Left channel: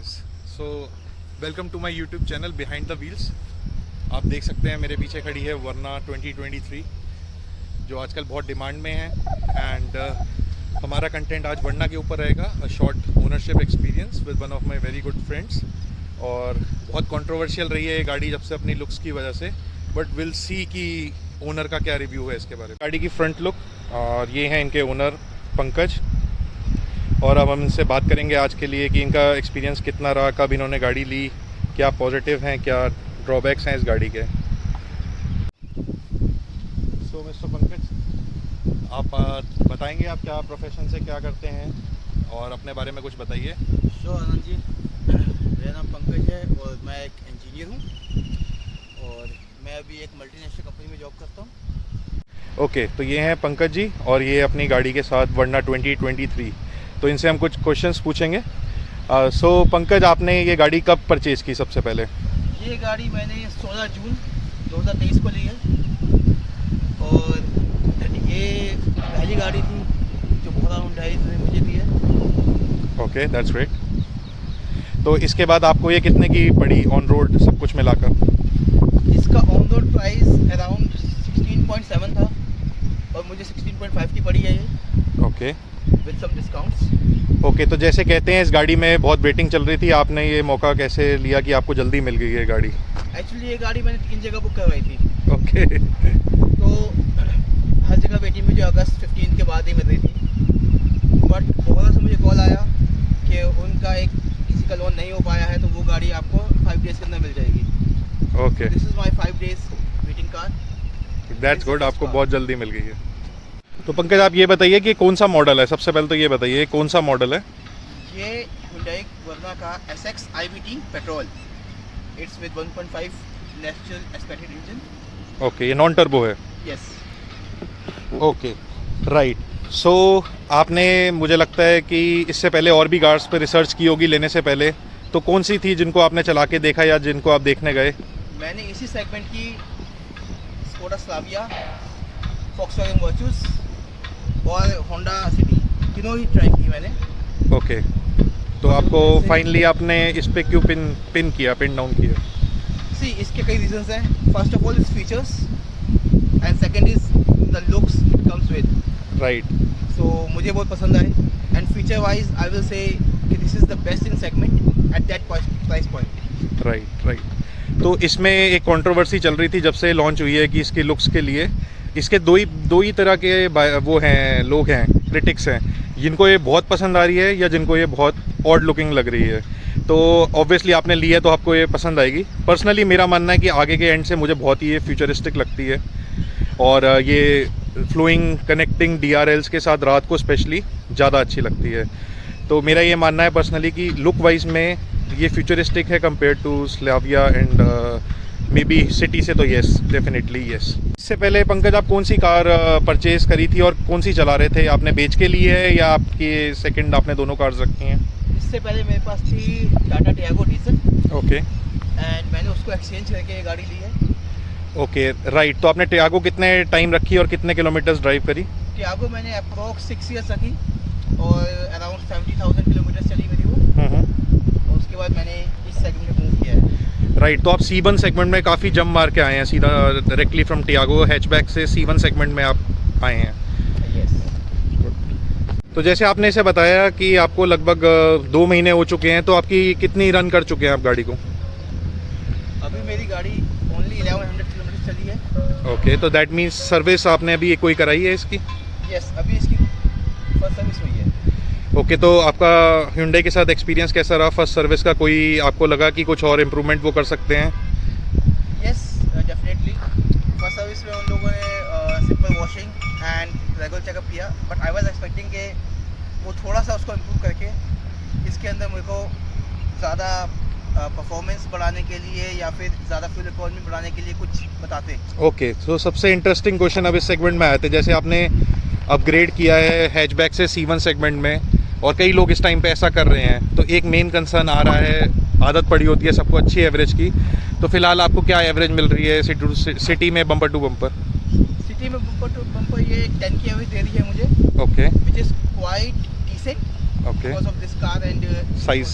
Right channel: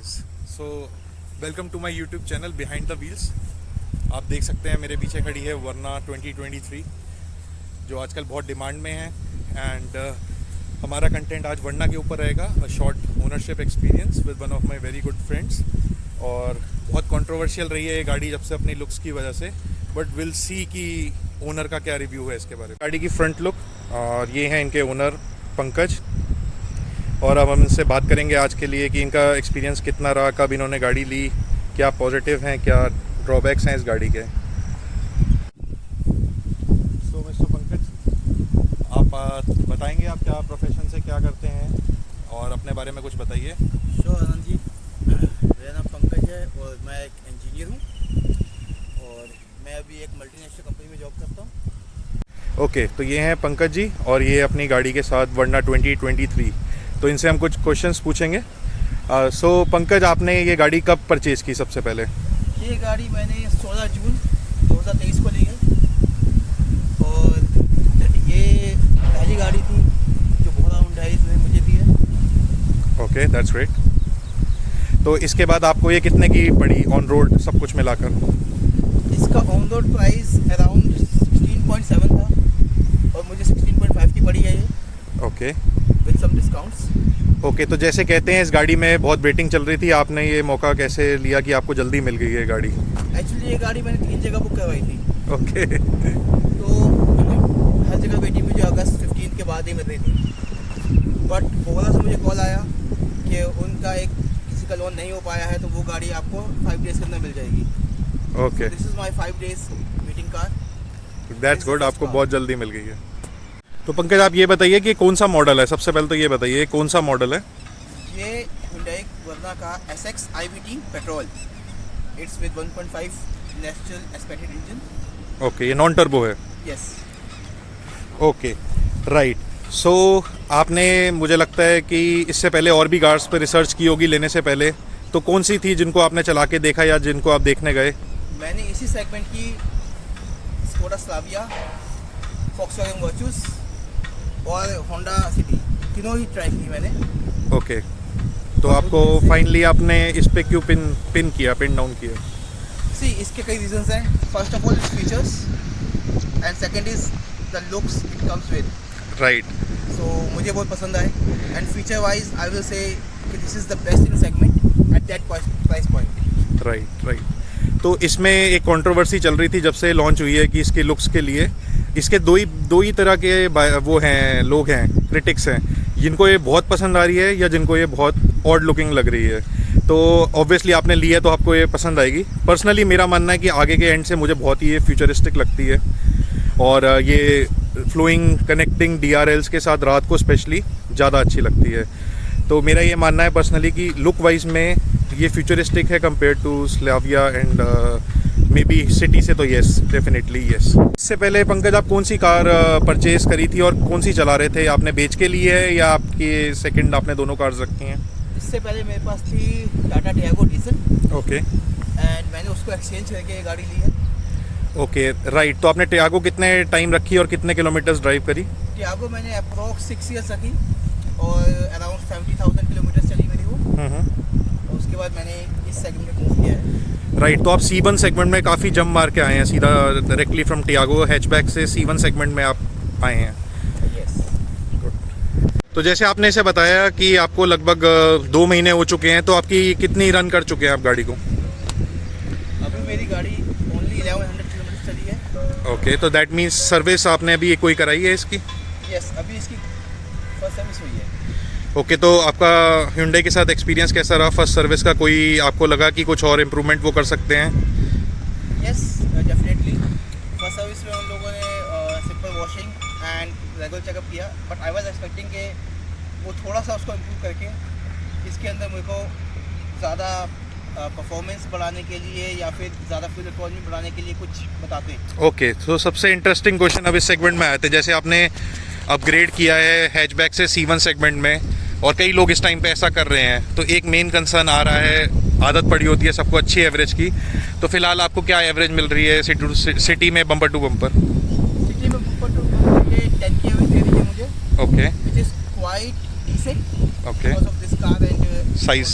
Guys, so welcome to my YouTube channel behind the wheels. आप देख सकते हैं मेरे पीछे खड़ी है वरना 2023 जो आजकल बहुत डिमांड में है। एंड हमारा कंटेंट आज वरना के ऊपर रहेगा, a short ownership experience with one of my very good friends. और बहुत कंट्रोवर्शियल रही है ये गाड़ी जब से अपनी लुक्स की वजह से, बट विल सी कि ओनर का क्या रिव्यू है इसके बारे में। गाड़ी की फ्रंट लुक, और ये हैं इनके ओनर पंकज, और अब हम इनसे बात करेंगे आज के लिए कि इनका एक्सपीरियंस कितना रहा, कब इन्होंने गाड़ी ली, क्या पॉजिटिव हैं, क्या ड्रॉबैक्स हैं इस गाड़ी के। सो मिस्टर पंकज, आप बताएंगे आप क्या प्रोफेशन से क्या करते हैं और अपने बारे में कुछ बताइए। आनंद जी, मेरा नाम पंकज है और मैं एक इंजीनियर हूँ और मैं अभी एक मल्टीनेशनल कंपनी में जॉब करता हूँ। ओके, तो ये हैं पंकज जी और ये अपनी गाड़ी के साथ वरना 2023। तो इनसे हम कुछ क्वेश्चंस पूछेंगे। सो पंकज, आपने ये गाड़ी कब परचेज़ की सबसे पहले? ये गाड़ी मैंने 16 जून 2023 को ली है और ये पहली गाड़ी थी जो बहुत हुंडई ने मुझे दी है। Okay, that's great. तो इसके बाद आपको ये कितने की पड़ी ऑन रोड सब कुछ मिलाकर? इसका ऑन रोड प्राइस अराउंड 16.7 था और मुझे 16.5 की पड़ी है ये। Okay, with some discounts. Okay, तो जैसे कहते हैं इस गाड़ी में बहुत वेटिंग चल रही थी, आपने ये मौका कैसे लिया कि आपको जल्दी मिल गई है गाड़ी? एक्चुअली ये गाड़ी मैंने 3 जगह बुक करवाई थी। ओके। तो हर जगह वेटिंग मुझे अगस्त 15 के बाद ही मिल रही थी, बट ओला से मुझे कॉल आया कि उनका एक किसी का लोन नहीं हो पाया है तो वो गाड़ी आपको 5 डेज़ के अंदर मिल जाएगी। Okay, this is my 5 days waiting car. That's good, आपको बहुत जल्दी मिल गई है। तो पंकज, आप ये बताइए कि कौन सा मॉडल है? सबसे पहले तो ये बताइए कौन सा मॉडल है? ये Hyundai वर्ना का SX IVT petrol. It's with 1.5 natural expected engine. Okay, ये नॉन टर्बो है? यस। Okay, right. सो आपने, मुझे लगता है कि इससे पहले और भी कार्स पे रिसर्च की होगी लेने से पहले, तो कौन सी थी जिनको आपने चला के देखा या जिनको आप देखने गए? मैंने इसी सेगमेंट की स्कोडा स्लाविया, वॉक्सवैगन वर्चूस और होंडा सिटी तीनों ही ट्राई की मैंने। ओके, तो आपको फाइनली आपने इस पे क्यों पिन डाउन किया? सी, इसके कई रीजंस हैं। First of all it's features and second is the looks it comes with. Right. So मुझे बहुत पसंद आए and feature wise I will say this is the best in segment at that price point. Right. तो इसमें एक controversy चल रही थी जब से लॉन्च हुई है कि इसकी लुक्स के लिए इसके दो ही तरह के वो हैं, लोग हैं, क्रिटिक्स हैं, जिनको ये बहुत पसंद आ रही है या जिनको ये बहुत ऑड लुकिंग लग रही है। तो ऑब्वियसली आपने ली है तो आपको ये पसंद आएगी। पर्सनली मेरा मानना है कि आगे के एंड से मुझे बहुत ही ये फ्यूचरिस्टिक लगती है और ये फ्लोइंग कनेक्टिंग DRLs के साथ रात को स्पेशली ज़्यादा अच्छी लगती है। तो मेरा ये मानना है पर्सनली कि लुक वाइज में ये फ्यूचरिस्टिक है compare to Slavia and maybe City से, तो येस, डेफिनेटली येस। इससे पहले पंकज, आप कौन सी कार परचेज़ करी थी और कौन सी चला रहे थे? आपने बेच के ली है या आपकी सेकंड आपने दोनों कार्स रखी हैं? इससे पहले मेरे पास थी Tata Tiago diesel. Okay. And मैंने उसको एक्सचेंज करके ये गाड़ी ली है। Okay, right. तो आपने टियागो कितने टाइम रखी और कितने किलोमीटर्स ड्राइव करी? टियागो मैंने अप्रॉक्स 6 ईयर्स रखी और अराउंड 70,000 किलोमीटर चली मेरी वो। और उसके बाद मैंने इस सेगमेंट में मूव किया है। राइट। तो आप C1 सेगमेंट में काफ़ी जंप मार के आए हैं, सीधा डायरेक्टली फ्रॉम टियागो हैचबैक से C1 सेगमेंट में आप आए हैं। तो जैसे आपने इसे बताया कि आपको लगभग 2 महीने हो चुके हैं, तो आपकी कितनी रन कर चुके हैं आप गाड़ी को? अभी मेरी गाड़ी ओनली 1100 किलोमीटर चली है। ओके, तो दैट मीन्स सर्विस आपने अभी कोई कराई है इसकी? यस, अभी इसकी फर्स्ट सर्विस हुई है। ओके, तो आपका Hyundai के साथ एक्सपीरियंस कैसा रहा फर्स्ट सर्विस का? कोई आपको लगा कि कुछ और इम्प्रूवमेंट वो कर सकते हैं? Yes, definitely. फर्स्ट सर्विस में उन लोगों ने simple washing and regular checkup किया, बट आई वाज एक्सपेक्टिंग कि वो थोड़ा सा उसको इम्प्रूव करके इसके अंदर मेरे को ज़्यादा परफॉर्मेंस बढ़ाने के लिए या फिर ज़्यादा फ्यूल इकोनॉमी बढ़ाने के लिए कुछ बताते। ओके, तो सबसे इंटरेस्टिंग क्वेश्चन अब इस सेगमेंट में आए थे। जैसे आपने अपग्रेड किया है हैचबैक से C1 सेगमेंट में और कई लोग इस टाइम पे ऐसा कर रहे हैं, तो एक मेन कंसर्न आ रहा है, आदत पड़ी होती है सबको अच्छी एवरेज की। तो फिलहाल आपको क्या एवरेज मिल रही है सिटी में बम्पर टू बम्पर? सिटी में बम्पर टू बम्पर ये 10 की एवरेज दे रही है मुझे। Okay, which is quite decent okay, because of this car and size.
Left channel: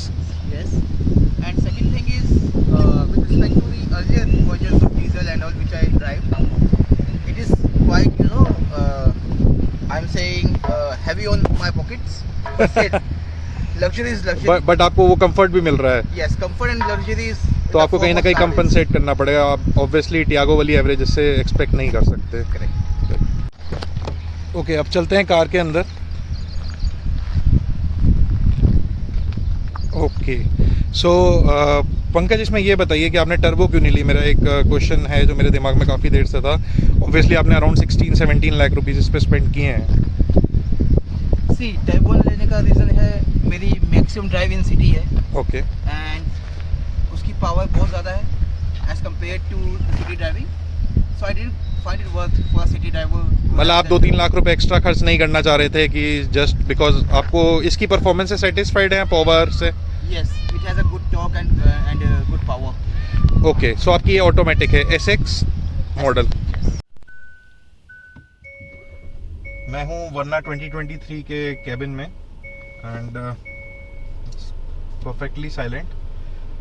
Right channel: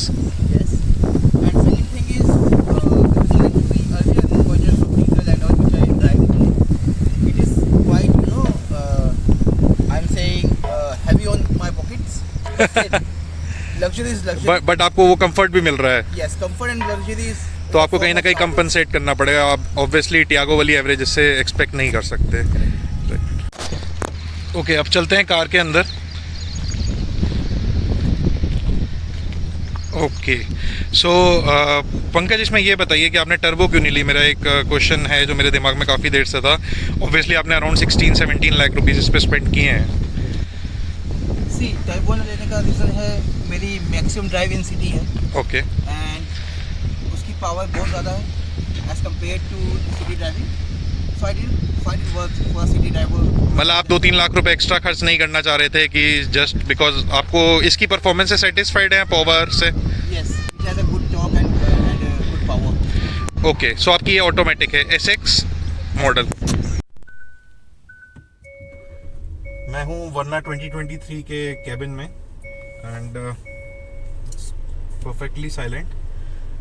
Yes. And second thing is, with respect to the earlier versions of diesel and all which I drive now, it is quite, I'm saying heavy on my pockets. But still, luxury is luxury. But आपको वो comfort भी मिल रहा है, Yes, comfort and luxury is. तो आपको कहीं ना कहीं कंपनसेट करना पड़ेगा. आप ऑब्वियसली टियागो वाली एवरेज इससे एक्सपेक्ट नहीं कर सकते. ओके, अब चलते हैं कार के अंदर. ओके, सो पंकज, इसमें ये बताइए कि आपने टर्बो क्यों नहीं ली. मेरा एक क्वेश्चन है जो मेरे दिमाग में काफ़ी देर से था. ऑब्वियसली आपने अराउंड 16-17 लाख रुपीज़ इस पर स्पेंड किए हैं. सी टर्बो लेने का रीज़न है मेरी मैक्सिमम ड्राइव इन सिटी है. ओके, एंड उसकी पावर बहुत ज़्यादा है as compare to city driving. So I did find it worth for city driver. मतलब आप 2-3 लाख रुपए एक्स्ट्रा खर्च नहीं करना चाह रहे थे कि जस्ट बिकॉज आपको इसकी परफॉर्मेंस से सेटिस्फाइड हैं, पावर से. Yes, it has a good torque and good power. Okay, so आपकी ये ऑटोमेटिक है, SX मॉडल. मैं हूँ वरना 2023 के केबिन में एंड परफेक्टली साइलेंट.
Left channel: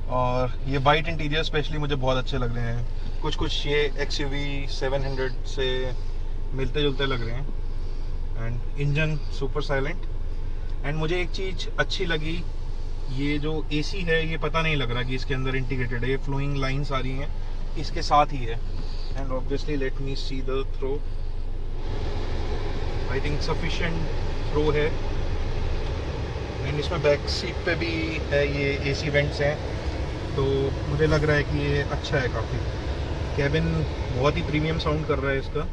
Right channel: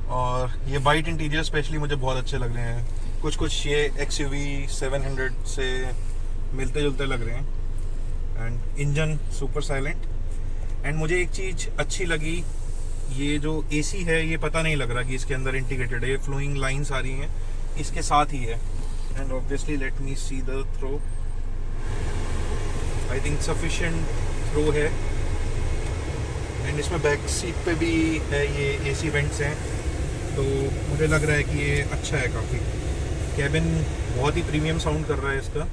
और ये वाइट इंटीरियर स्पेशली मुझे बहुत अच्छे लग रहे हैं. कुछ ये XUV 700 से मिलते जुलते लग रहे हैं. And engine super silent. And मुझे एक चीज़ अच्छी लगी, ये जो AC है ये पता नहीं लग रहा कि इसके अंदर इंटीग्रेटेड है. ये फ्लोइंग लाइंस आ रही हैं इसके साथ ही है. And obviously let me see the throw. I think sufficient throw है. एंड इसमें बैक सीट पे भी है, ये AC वेंट्स हैं, तो मुझे लग रहा है कि ये अच्छा है काफ़ी. कैबिन बहुत ही प्रीमियम साउंड कर रहा है इसका.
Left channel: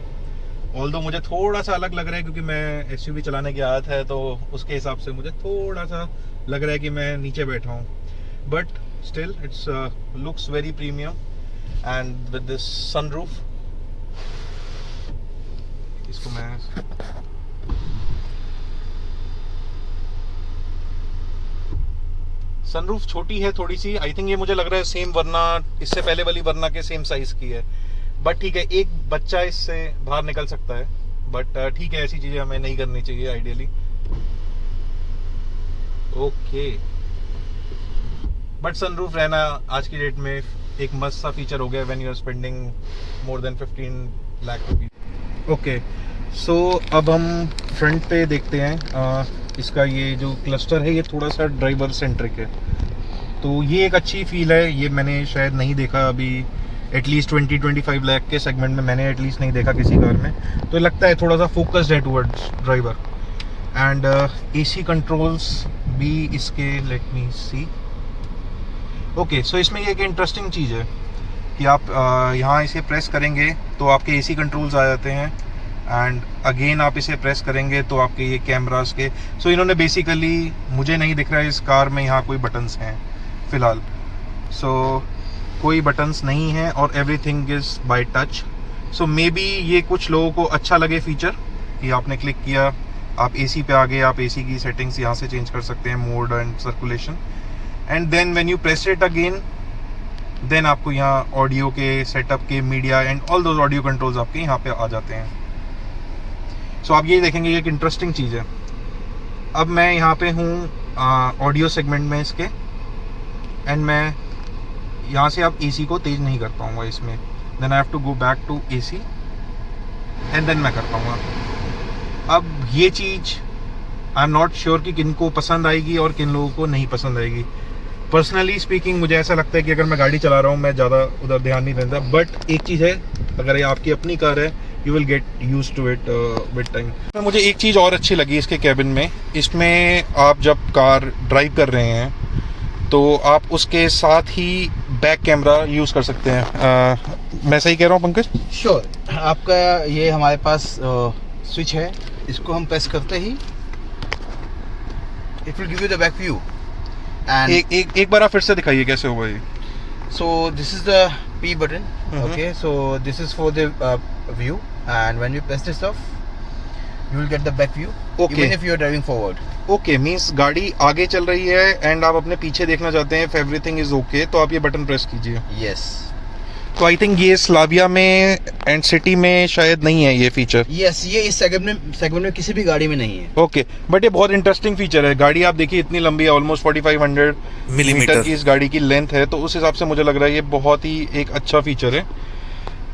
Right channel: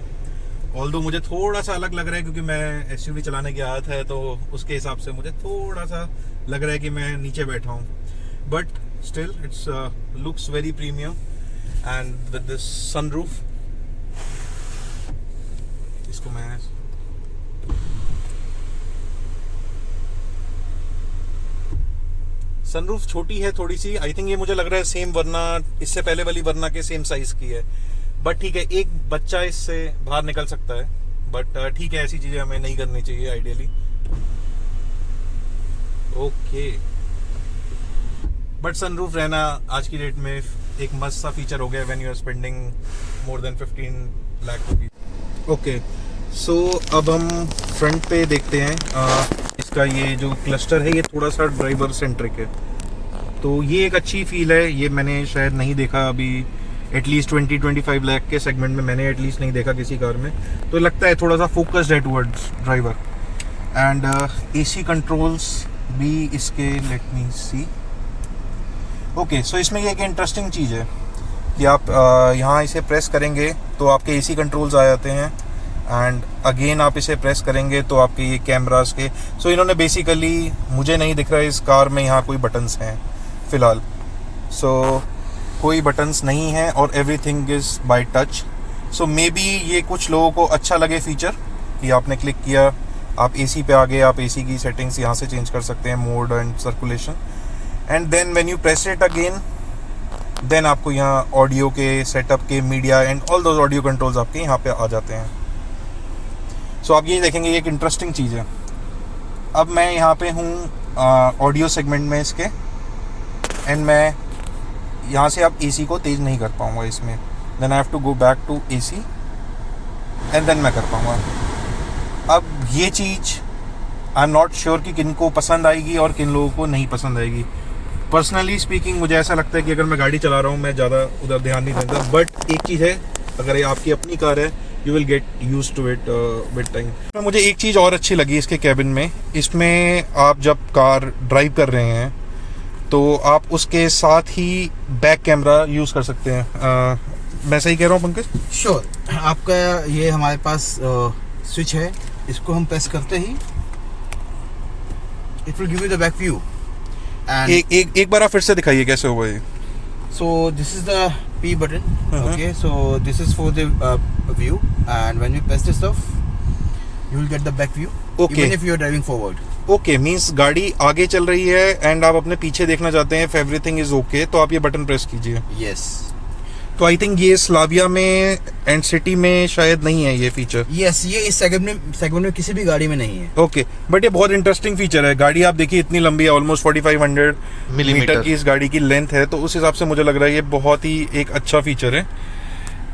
ऑल्दो मुझे थोड़ा सा अलग लग रहा है क्योंकि मैं SUV चलाने की आदत है, तो उसके हिसाब से मुझे थोड़ा सा लग रहा है कि मैं नीचे बैठा हूँ. But still it's looks very premium. And with this sunroof, इसको मैं सनरूफ छोटी है थोड़ी सी. आई थिंक ये मुझे लग रहा है सेम वरना, इससे पहले वाली वरना के सेम साइज की है. बट ठीक है, एक बच्चा इससे बाहर निकल सकता है. बट ठीक है, ऐसी चीज़ें हमें नहीं करनी चाहिए आइडियली. ओके, बट सनरूफ रहना आज की डेट में एक मस्त सा फीचर हो गया when you are spending more than 15 lakh rupees. Okay, so अब हम फ्रंट पे देखते हैं. इसका ये जो क्लस्टर है ये थोड़ा सा ड्राइवर सेंट्रिक है, तो ये एक अच्छी फील है. ये मैंने शायद नहीं देखा अभी, एटलीस्ट 20-25 लाख के सेगमेंट में मैंने एटलीस्ट नहीं देखा किसी कार में. तो लगता है थोड़ा सा फोकस्ड है towards driver. And AC controls भी इसके, लेट मी सी. ओके, सो इसमें ये एक इंटरेस्टिंग चीज़ है कि आप यहाँ इसे प्रेस करेंगे तो आपके AC कंट्रोल्स आ जाते हैं. एंड अगेन आप इसे प्रेस करेंगे तो आपके ये कैमरास के, सो इन्होंने बेसिकली, मुझे नहीं दिख रहा है इस कार में यहाँ कोई बटन्स हैं फ़िलहाल. सो कोई बटन्स नहीं है और everything is by touch. So may be ये कुछ लोगों को अच्छा लगे फीचर कि आपने क्लिक किया, आप AC पे आ गए, आप AC की सेटिंग्स यहाँ से चेंज कर सकते हैं, mode and circulation. And then when you press it again, then आपको यहाँ ऑडियो के सेटअप के media and all those audio controls आपके यहाँ पे आ जाते हैं. सो आप ये देखेंगे, ये एक इंटरेस्टिंग चीज़ है. अब मैं यहाँ पे हूँ ऑडियो सेगमेंट में इसके, एंड मैं यहाँ से आप AC को तेज़ नहीं कर पाऊँगा इसमें. Then I have to go back to AC and then मैं कर पाऊँगा. अब ये चीज़ आई एम नॉट श्योर कि किन को पसंद आएगी और किन लोगों को नहीं पसंद आएगी. पर्सनली स्पीकिंग मुझे ऐसा लगता है कि अगर मैं गाड़ी चला रहा हूँ मैं ज़्यादा उधर ध्यान नहीं देता. बट एक चीज़ है, अगर ये आपकी अपनी कार है, you will get used to it with time. मुझे एक चीज़ और अच्छी लगी इसके कैबिन में. इसमें आप जब कार ड्राइव कर रहे हैं तो आप उसके साथ ही बैक कैमरा यूज़ कर सकते हैं. मैं सही कह रहा हूँ पंकज? श्योर. आपका ये हमारे पास स्विच है, इसको हम प्रेस करते ही it will give you the back view. And एक बार आप फिर से दिखाइए कैसे होगा ये. So this is the P button. Okay, so this is for the view, and when you press this off, you will get the back view. Okay. Even if you are driving forward. Okay, means गाड़ी आगे चल रही है and आप अपने पीछे देखना चाहते हैं, इफ एवरीथिंग इज ओके, तो आप ये बटन प्रेस कीजिए. Yes. तो आई थिंक ये स्लाविया में एंड सिटी में शायद नहीं है ये फीचर। यस, ये इस सेगमेंट में किसी भी गाड़ी में नहीं है। ओके, बट ये बहुत इंटरेस्टिंग फीचर है। गाड़ी आप देखिए इतनी लंबी है, ऑलमोस्ट 4500 मिलीमीटर की इस गाड़ी की लेंथ है, तो उस हिसाब से मुझे लग रहा है ये बहुत ही एक अच्छा फीचर है।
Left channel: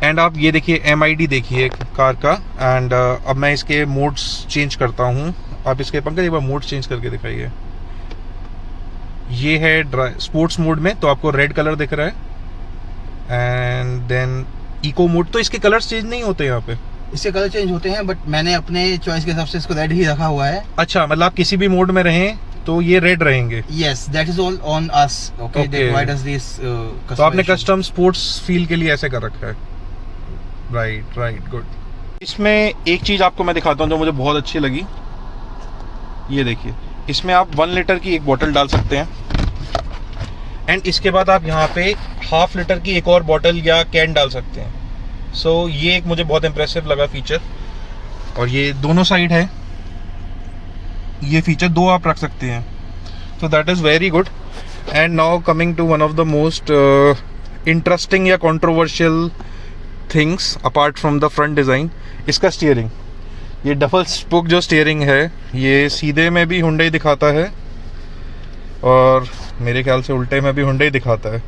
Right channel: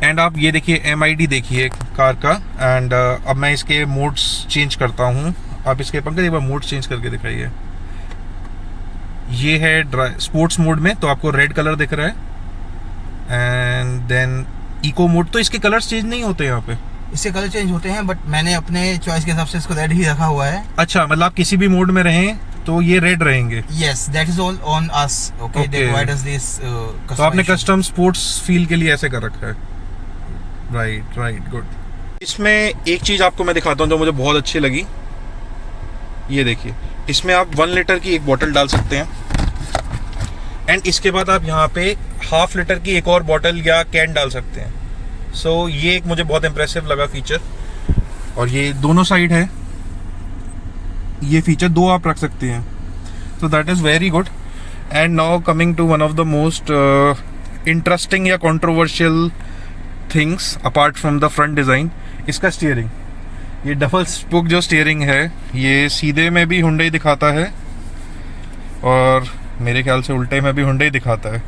एंड आप ये देखिए MID देखिए कार का। एंड अब मैं इसके मोड्स चेंज करता हूँ। आप इसके पंकज एक बार मोड चेंज करके दिखाइए। ये है स्पोर्ट्स मोड में, तो आपको रेड कलर दिख रहा है। एंड देन इको मोड, तो इसके कलर्स चेंज नहीं होते यहाँ पे? इससे कलर चेंज होते हैं, बट मैंने अपने चॉइस के हिसाब से इसको रेड ही रखा हुआ है। अच्छा, मतलब आप किसी भी मोड में रहें तो ये रेड रहेंगे? Yes, that is all on us. Okay, they provide us this. तो आपने कस्टम स्पोर्ट्स फील के लिए ऐसे कर रखा है। Right, good. इसमें एक चीज़ आपको मैं दिखाता हूँ जो मुझे बहुत अच्छी लगी। ये देखिए, इसमें आप 1 लीटर की एक बोतल डाल सकते हैं। एंड इसके बाद आप यहाँ पे 1/2 लीटर की एक और बोतल या कैन डाल सकते हैं। सो ये एक मुझे बहुत इंप्रेसिव लगा फीचर। और ये दोनों साइड है, ये फीचर 2 आप रख सकते हैं, तो that is very good. And now coming to one of the most interesting या controversial things apart from the front design, इसका स्टीयरिंग। ये डबल स्पोक जो स्टीयरिंग है, ये सीधे में भी हुंडई दिखाता है और मेरे ख्याल से उल्टे में भी हुंडई दिखाता है।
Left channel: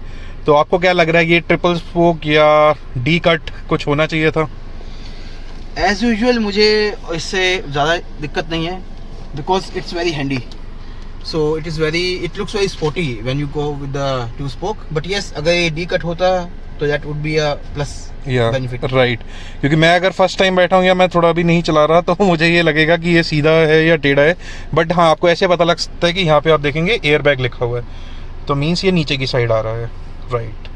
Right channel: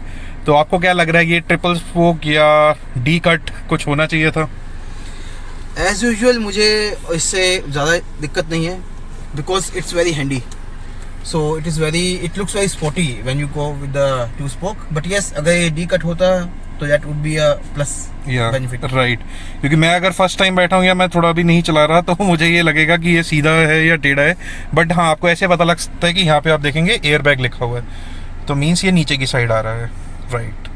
तो आपको क्या लग रहा है, ये ट्रिपल स्पोक या डी कट कुछ होना चाहिए था? एज यूजुअल मुझे इससे ज़्यादा दिक्कत नहीं है, because it's very handy. So it looks very sporty when you go with the 2 spoke. But yes, अगर ये डी कट होता तो that would be a plus benefit. Right, क्योंकि मैं अगर फर्स्ट टाइम बैठा हूँ या मैं थोड़ा भी नहीं चला रहा, तो मुझे ये लगेगा कि ये सीधा है या टेढ़ा है। बट हाँ, आपको ऐसे पता लग सकता है कि यहाँ पे आप देखेंगे एयर बैग लिखा हुआ है, तो मीन्स ये नीचे की साइड आ रहा है। राइट।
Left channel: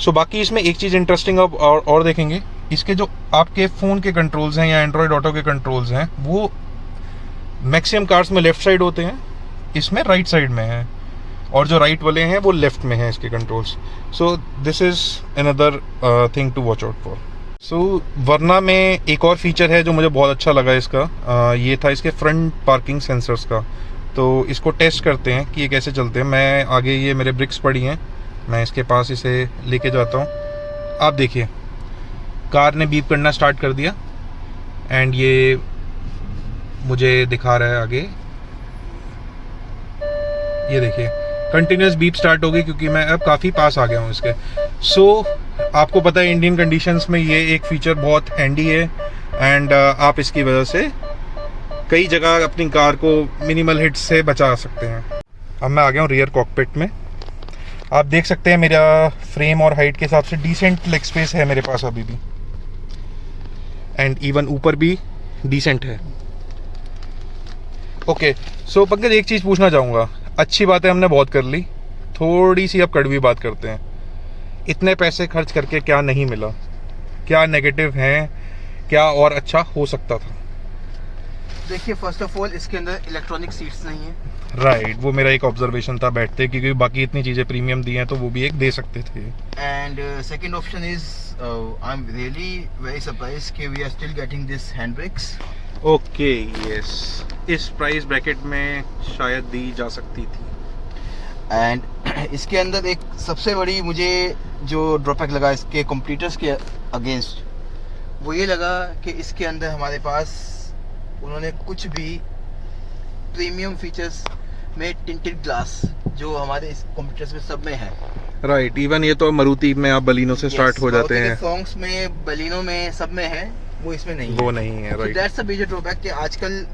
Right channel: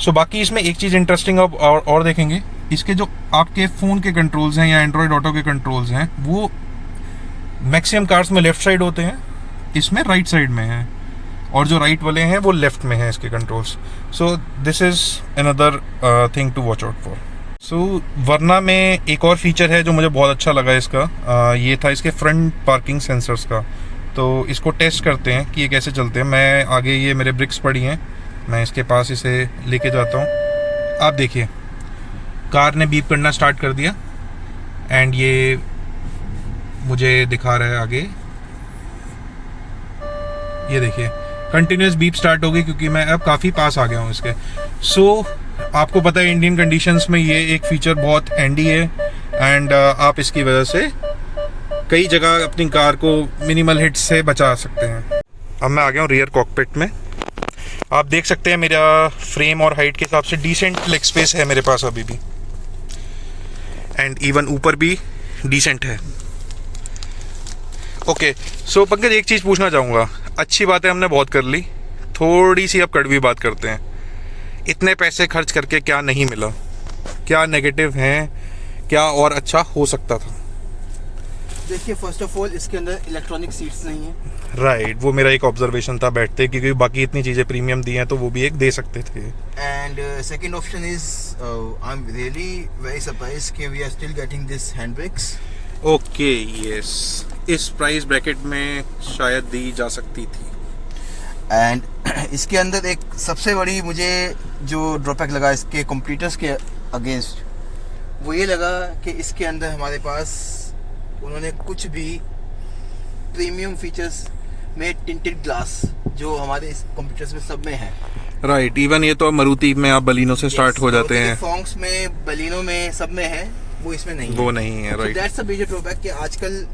सो बाकी इसमें एक चीज़ इंटरेस्टिंग और देखेंगे, इसके जो आपके फ़ोन के कंट्रोल्स हैं या एंड्रॉयड ऑटो के कंट्रोल्स हैं, वो मैक्सिमम कार्स में लेफ्ट साइड होते हैं, इसमें राइट साइड में है। और जो राइट वाले हैं वो लेफ्ट में हैं इसके controls. So this is another thing to watch out for. So Verna में एक और फीचर है जो मुझे बहुत अच्छा लगा इसका, ये था इसके फ्रंट पार्किंग सेंसर्स का। तो इसको टेस्ट करते हैं कि ये कैसे चलते हैं। मैं आगे, ये मेरे ब्रिक्स पड़ी हैं, मैं इसके पास इसे लेके जाता हूँ। आप देखिए, कार ने बीप करना स्टार्ट कर दिया एंड ये मुझे दिखा रहा है आगे। ये देखिए, कंटिन्यूस बीप स्टार्ट हो गई क्योंकि मैं अब काफ़ी पास आ गया हूँ इसके। सो आपको पता है इंडियन कंडीशंस में ये एक फीचर बहुत हैंडी है। एंड आप इसकी वजह से कई जगह अपनी कार को मिनिमल हिट से बचा सकते हैं। अब मैं आ गया हूँ रियर कॉकपिट में। आप देख सकते हैं मेरा फ्रेम और हाइट के हिसाब से डिसेंट लेग स्पेस है मेरे पास अभी भी। एंड इवन ऊपर भी डिसेंट है। ओके, सो पंकज एक चीज़ पूछना चाहूँगा। अच्छी बातें हमने बहुत कर ली, थोड़ी सी अब कड़वी बात करते हैं। इतने पैसे खर्च करके क्या नहीं मिला, क्या नेगेटिव हैं, क्या और अच्छा हो सकता था? देखिए, फर्स्ट ऑफ ऑल इसके अंदर इलेक्ट्रॉनिक सीट्स नहीं है। राइट, वो मेरा एक ऑब्जर्वेशन था बैठते, क्योंकि बाकी इतनी चीज़ें प्रीमियम दी हैं तो वो भी एक दे सकते थे। And second option is, I am really very surprise कि we are still getting this hand brakes. Okay, yes, इस प्राइस ब्रैकेट में शायद दी जा सकती थी। एंड इसके अंदर एक सबसे बड़ी मुझे जो ड्रॉबैक लगा इसके कॉम्पिटिटर्स के अगेंस्ट, वो ये लगा कि इसके अंदर हमारे पास उन्होंने कुछ भी प्रीमियम फीचर्स में टिंटेड ग्लास जो हमारे इस कॉम्पिटिटर्स में सब में है। राइट, इवन ये तो मारुति में आप बलीनो से स्टार्ट हो जाते हैं, फोंक्स में, बलीनो में, सब में है, वो इसमें नहीं है। वो नहीं है। Right, that's a major drawback कि आजकल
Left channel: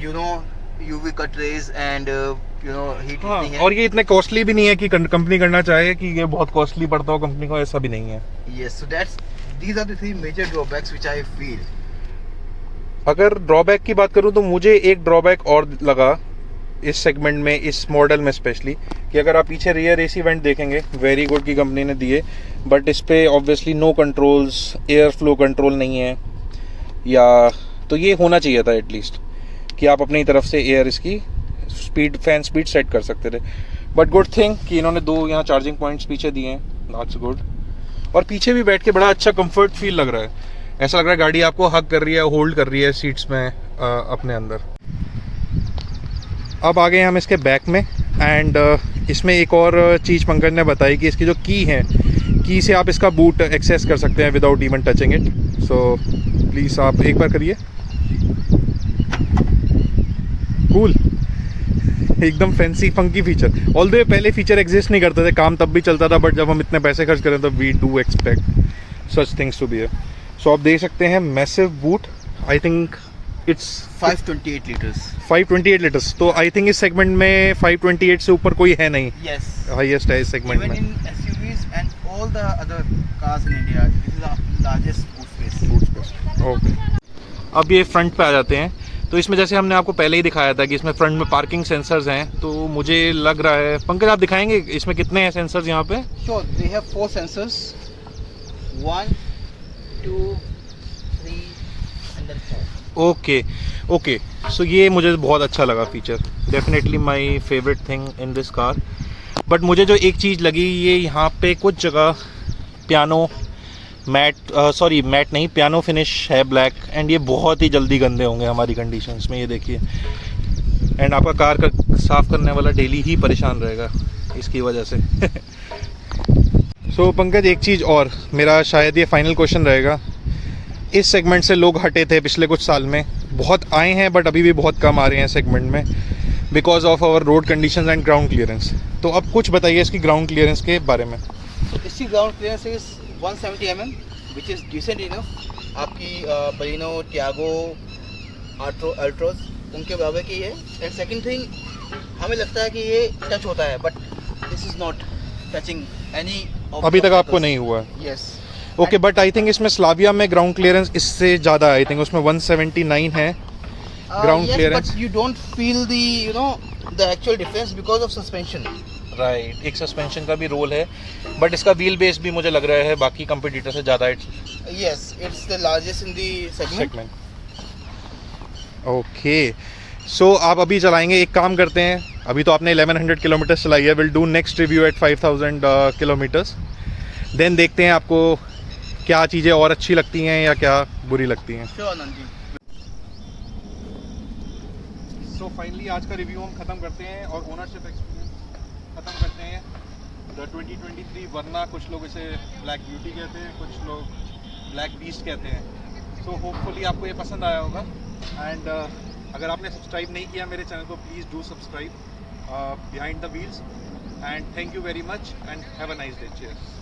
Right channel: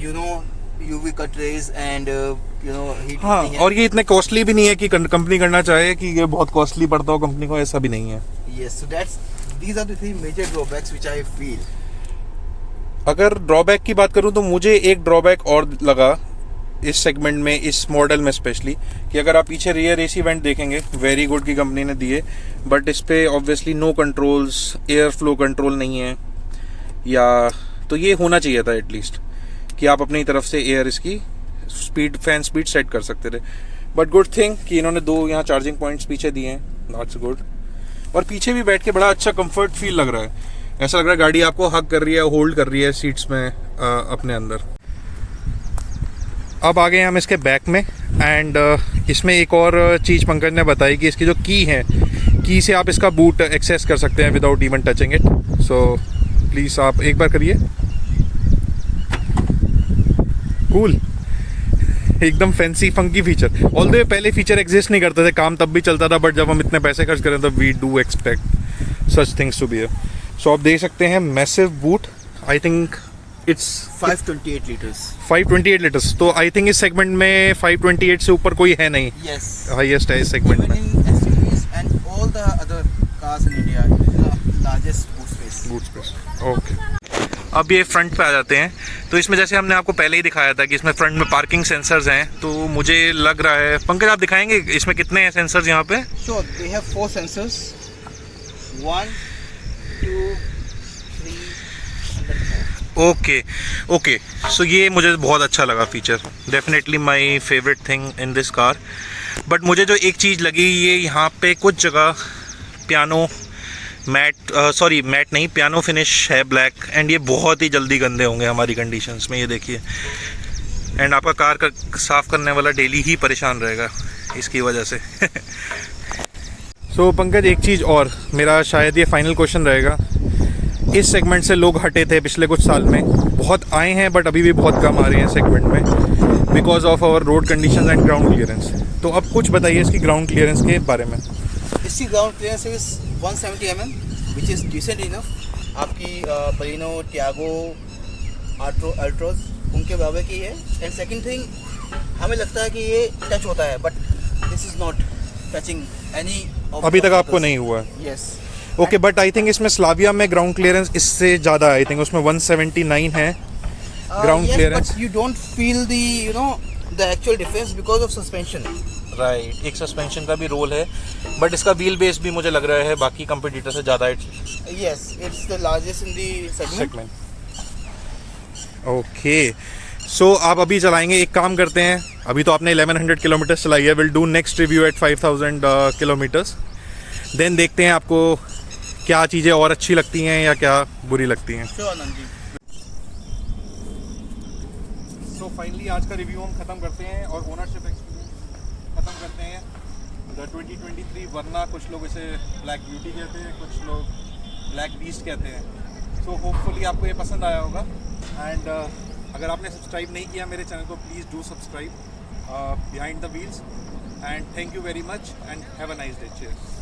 you know UV cut rays and you know heat हाँ, नहीं है। और ये इतने कॉस्टली भी नहीं है कि कंपनी करना चाहे कि ये बहुत कॉस्टली पड़ता हो कंपनी को, ऐसा भी नहीं है। Yes, so that's these are the 3 major drawbacks which I feel. अगर ड्रॉबैक की बात करूं तो मुझे एक ड्रॉबैक और लगा इस सेगमेंट में, इस मॉडल में स्पेशली, कि अगर आप पीछे रियर एसी वेंट देखेंगे, वेरी गुड की कंपनी ने दिए, बट इस पे obviously no controls, air flow control नहीं है, या तो ये होना चाहिए था एटलीस्ट कि आप अपनी तरफ से एयर इसकी स्पीड, फैन स्पीड सेट कर सकते थे। बट गुड थिंग कि इन्होंने 2 यहाँ चार्जिंग पॉइंट्स पीछे दिए हैं, दैट्स गुड। और पीछे भी बैठ के बड़ा अच्छा कंफर्ट फील लग रहा है, ऐसा लग रहा है गाड़ी आपको हग कर रही है, होल्ड कर रही है सीट्स में अपने अंदर। अब आ गए हम इसके बैक में। एंड इसमें एक और चीज़ पंकज ने बताई कि इसकी जो की है, की से आप इसका बूट एक्सेस कर सकते हैं without even touching it. So please आप एक बार करिए। कूल, एकदम फैंसी फंकी फीचर। ऑल्दो पहले फीचर एग्जिस्ट नहीं करते थे, काम तब भी चलता था, बट जब हम इतने पैसे खर्च करें तो we do expect such things to be. So आप देख सकते हैं massive boot, I think it's 528 liters. 528 litres. तो आई थिंक इस सेगमेंट में 528 से ऊपर कोई है नहीं, Yes. हाईएस्ट है इस सेगमेंट Even में। in SUVs and all the other cars in India, it is the largest boot space. Boot space. Okay, अब ये फ्रंट पे आ जाते हैं। तो इसमें जैसे हमने आपको पहले ही दिखाया था कि इसमें फ्रंट में पार्किंग सेंसर्स हैं, तो मुझे लग रहा है पंकज आप दिखाएंगे इसमें कितने हैं सेंसर्स यहाँ पे? Sure, they have 4 sensors. 1, 2, 3, and then 4. Okay okay, सो ये मुझे बहुत अच्छा लगा feature, definitely my favourite thing in this car. But मुझे जो एक चीज़ लगी, ये यहाँ पे कुछ जगह पियानो मैट मैट नहीं, पियानो फिनिश है ब्लैक, एंड ये बहुत ही जल्दी गंदे होंगे हमारी कंडीशंस में, ये देखिए। एंड आपका कार का साफ़ करने वाला डेली ही परेशान रहेगा इसकी वजह से। सो पंकज एक चीज़ और, मेरा शायद ये फाइनल क्वेश्चन रहेगा। इस सेगमेंट से लोग हटे थे पिछले कुछ साल में, बहुत आए हैं बट अभी भी बहुत कम आ रहे हैं सेगमेंट में, because of our road conditions and ground clearance. तो अब कुछ बताइए इसकी ग्राउंड क्लियरेंस के बारे में। इसकी ground clearance is 170 mm, which is decent enough. आपकी बलिनो, टियागो, अल्ट्रोज उनके बराबर की है। एंड सेकंड थिंग, हमें लगता है कि ये टच होता है, but this is not touching any. अभी तक आपको नहीं हुआ है? Yes. Okay, but I think इसमें स्लाविया में ग्राउंड क्लियरेंस इससे ज़्यादा है। आई थिंक उसमें 179 है ground clearance. But you don't feel the actual difference because of suspension. Right, एक सस्पेंशन का भी रोल है, बट इसका व्हील बेस भी मुझे लग रहा है बाकी कंपटीटर से ज़्यादा yes, it's the largest in the segment. Okay, so आप अभी चलाएंगे, एक काम करते हैं, अभी तो आपने 1100 किलोमीटर चलाई है, will do next review at 5000 kilometres, then देखते हैं आपको क्या चीज़ें और अच्छी लगती हैं या क्या बुरी लगती हैं। Sure Anand ji. So finally आज का रिव्यू हम ख़त्म करते हैं और ओनरशिप एक्सपीरियंस ख़त्म करते हैं। द 2023 वरना, कुछ लोग इसे ब्लैक ब्यूटी कहते हैं, कुछ लोग ब्लैक बीस्ट कहते हैं। सो होपफुली आपको ये पसंद आया होगा, एंड अगर आपने सब्सक्राइब नहीं किया मेरे चैनल को, please do subscribe behind the wheels, and thank you very much and have a nice day. Cheers.